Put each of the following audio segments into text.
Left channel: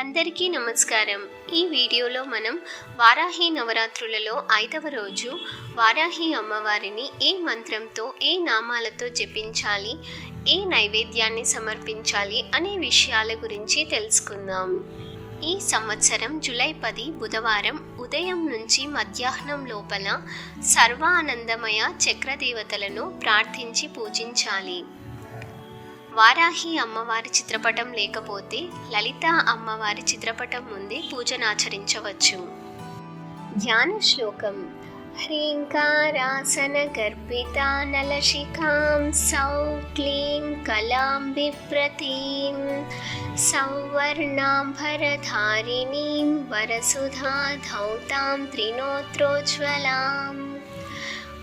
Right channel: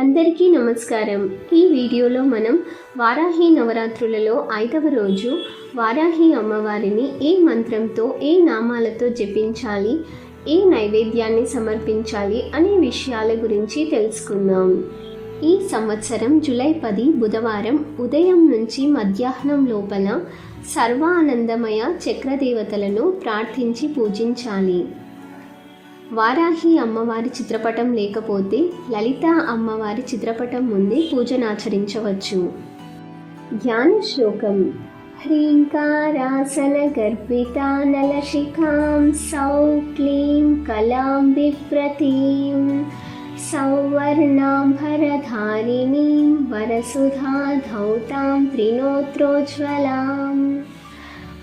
అందరికీ నమస్కారం. ఈ వీడియోలో మనం వారాహి నవరాత్రులలో 5వ రోజు వారాహి అమ్మవారిని ఏ మంత్రంతో ఏ నామాలతో జపించాలి, ఏ నైవేద్యాన్ని సమర్పించాలి అనే విషయాల గురించి తెలుసుకుందాం. ఈ సంవత్సరం జూలై 10 బుధవారం ఉదయం నుంచి మధ్యాహ్నం లోపల సర్వానందమయ చక్రదేవతలను ప్రార్థించి పూజించాలి. వారాహి అమ్మవారి చిత్రపటం లేకపోతే లలిత అమ్మవారి చిత్రపటం ముందే పూజనాచరించవచ్చు. ధ్యాన శ్లోకం: హ్రీంకారాసన గర్భితా నలశిఖాం సౌ క్లీం కలాం బిభ్రతీం సౌవర్ణాంబరధారిణీం వరసుధా ధౌతాం త్రినోత్రోజ్వలాం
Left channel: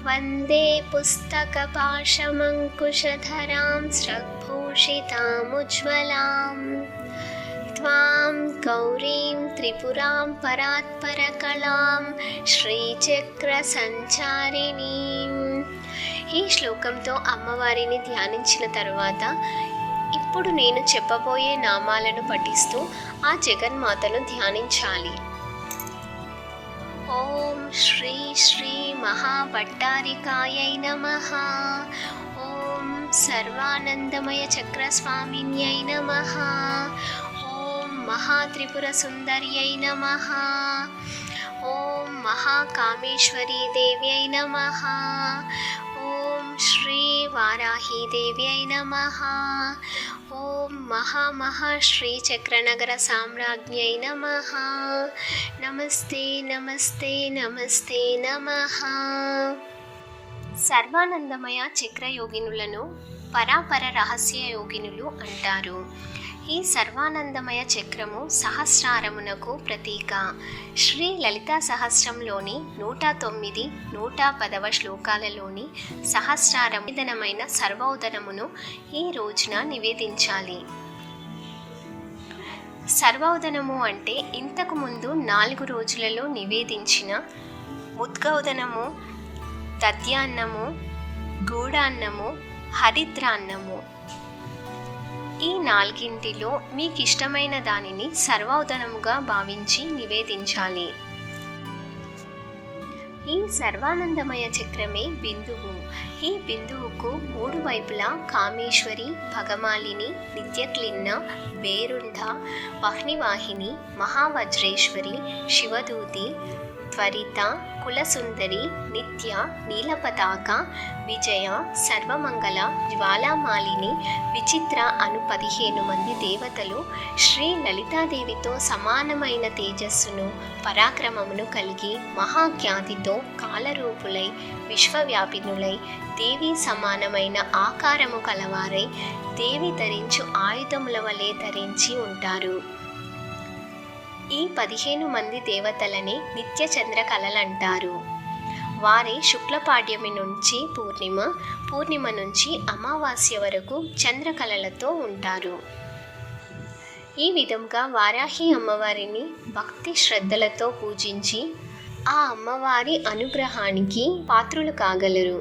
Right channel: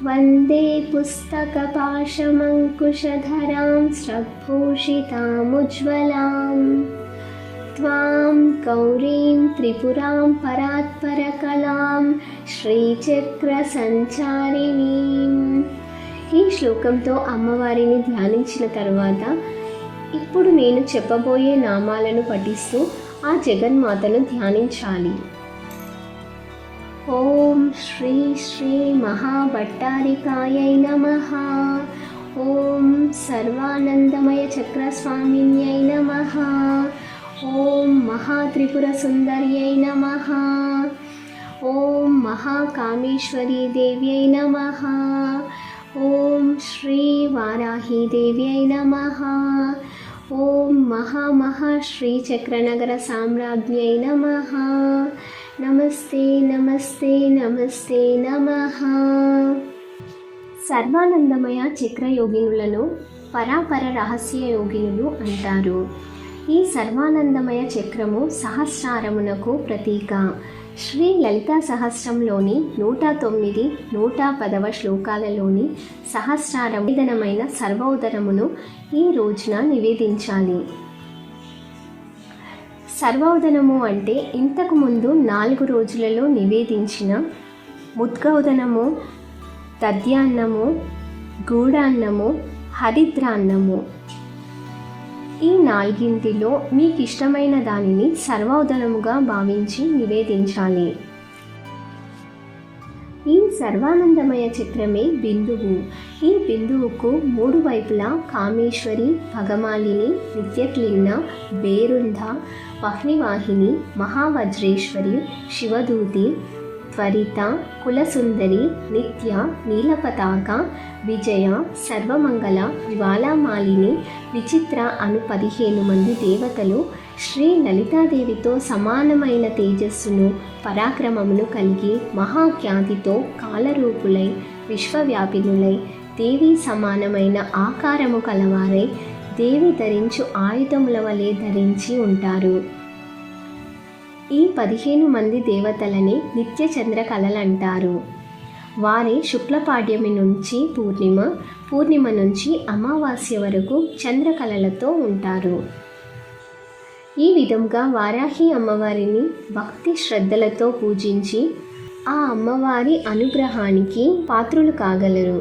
వందే పుస్తకపాశమంకుశధరాం స్రగ్భూషితాముజ్వలాం త్వాం గౌరీం త్రిపురాం పరాత్పరకళాం శ్రీచక్రసంచారిణీం. ఈ శ్లోకంతో అమ్మవారిని ధ్యానించిన తరువాత ఇప్పుడు నేను చెప్పబోయే నామాలను పఠిస్తూ ఆ జగన్మాతను ధ్యానించాలి. ఓం శ్రీ శ్రీ మహాభట్టారికాయై నమః. ఓం సర్వానందమయ చక్రస్వామిన్యై నమః. ఓం మహాత్రిపుర సుందర్యై నమః. ఓం మహాకామేశ్వరీ దేవ్యై నమః. ఓం శ్రీ వారాహీ దేవ్యై నమః. ఓం శ్రీచక్రనగర సామ్రాజ్ఞై నమః. నమస్తే నమస్తే నమస్తే నమః. సర్వానందమయ చక్రయోగినులను పరాపర రహస్య యోగినులు అంటారు. ఈ సర్వానందమయ చక్రము సహస్రారమునకు ప్రతీక. శ్రీ లలితా సహస్రంలోని 109, 110వ శ్లోకాలలోని సహస్రారం నివేదనమైన సర్వోదనమును ఈ రోజున నివేదించాలి. సర్వోదనము అంటే ఇంతకు ముందు 4 రోజులలో నివేదించిన ముద్గౌదనము, దద్యాన్నము, గూడాన్నము, హరిద్రాన్నము. ఈ 4ంటిలో మీకు ఇష్టమైన దానిని సర్వోదనముగా భావించి నివేదించాలి. ఈ సర్వానందమయ చక్రమే బిందువు. ఈ బిందువుకు 3 వైపులా కామేశ్వరి, భగమాలిని, నిత్యక్లిన్న, బేరుంధ, వహ్నివాహిని, మహావజ్రేశ్వరి, శివదూతి, త్వరిత, కులసుందరి, నిత్య, నీలపతాక, విజయ, సర్వమంగళ, జ్వాలామాలిని, విచిత్ర అను 15 మంది దేవతలు శ్రీ లలితాదేవితో సమానమైన తేజస్సును, పరాక్రమమును కలిగి మహాఖ్యాతితో కాలరూపులై విశ్వవ్యాపినులై దేవి సమానమైన ఆకారము కలవారై దేవి ధరించు ఆయుధముల వలె ధరించి ఉంటారు. ఈ 15 మంది దేవతలని నిత్య చంద్ర కళలంటారు. వారే శుక్లపాడ్యమి నుంచి పూర్ణిమ, పూర్ణిమ నుంచి అమావాస్య వరకు చంద్రకళలతో ఉంటారు. ఈ విధంగా వారాహి అమ్మవారిని భక్తి శ్రద్ధలతో పూజించి ఆ అమ్మవారి అనుగ్రహానికి పాత్రులు కాగలరు.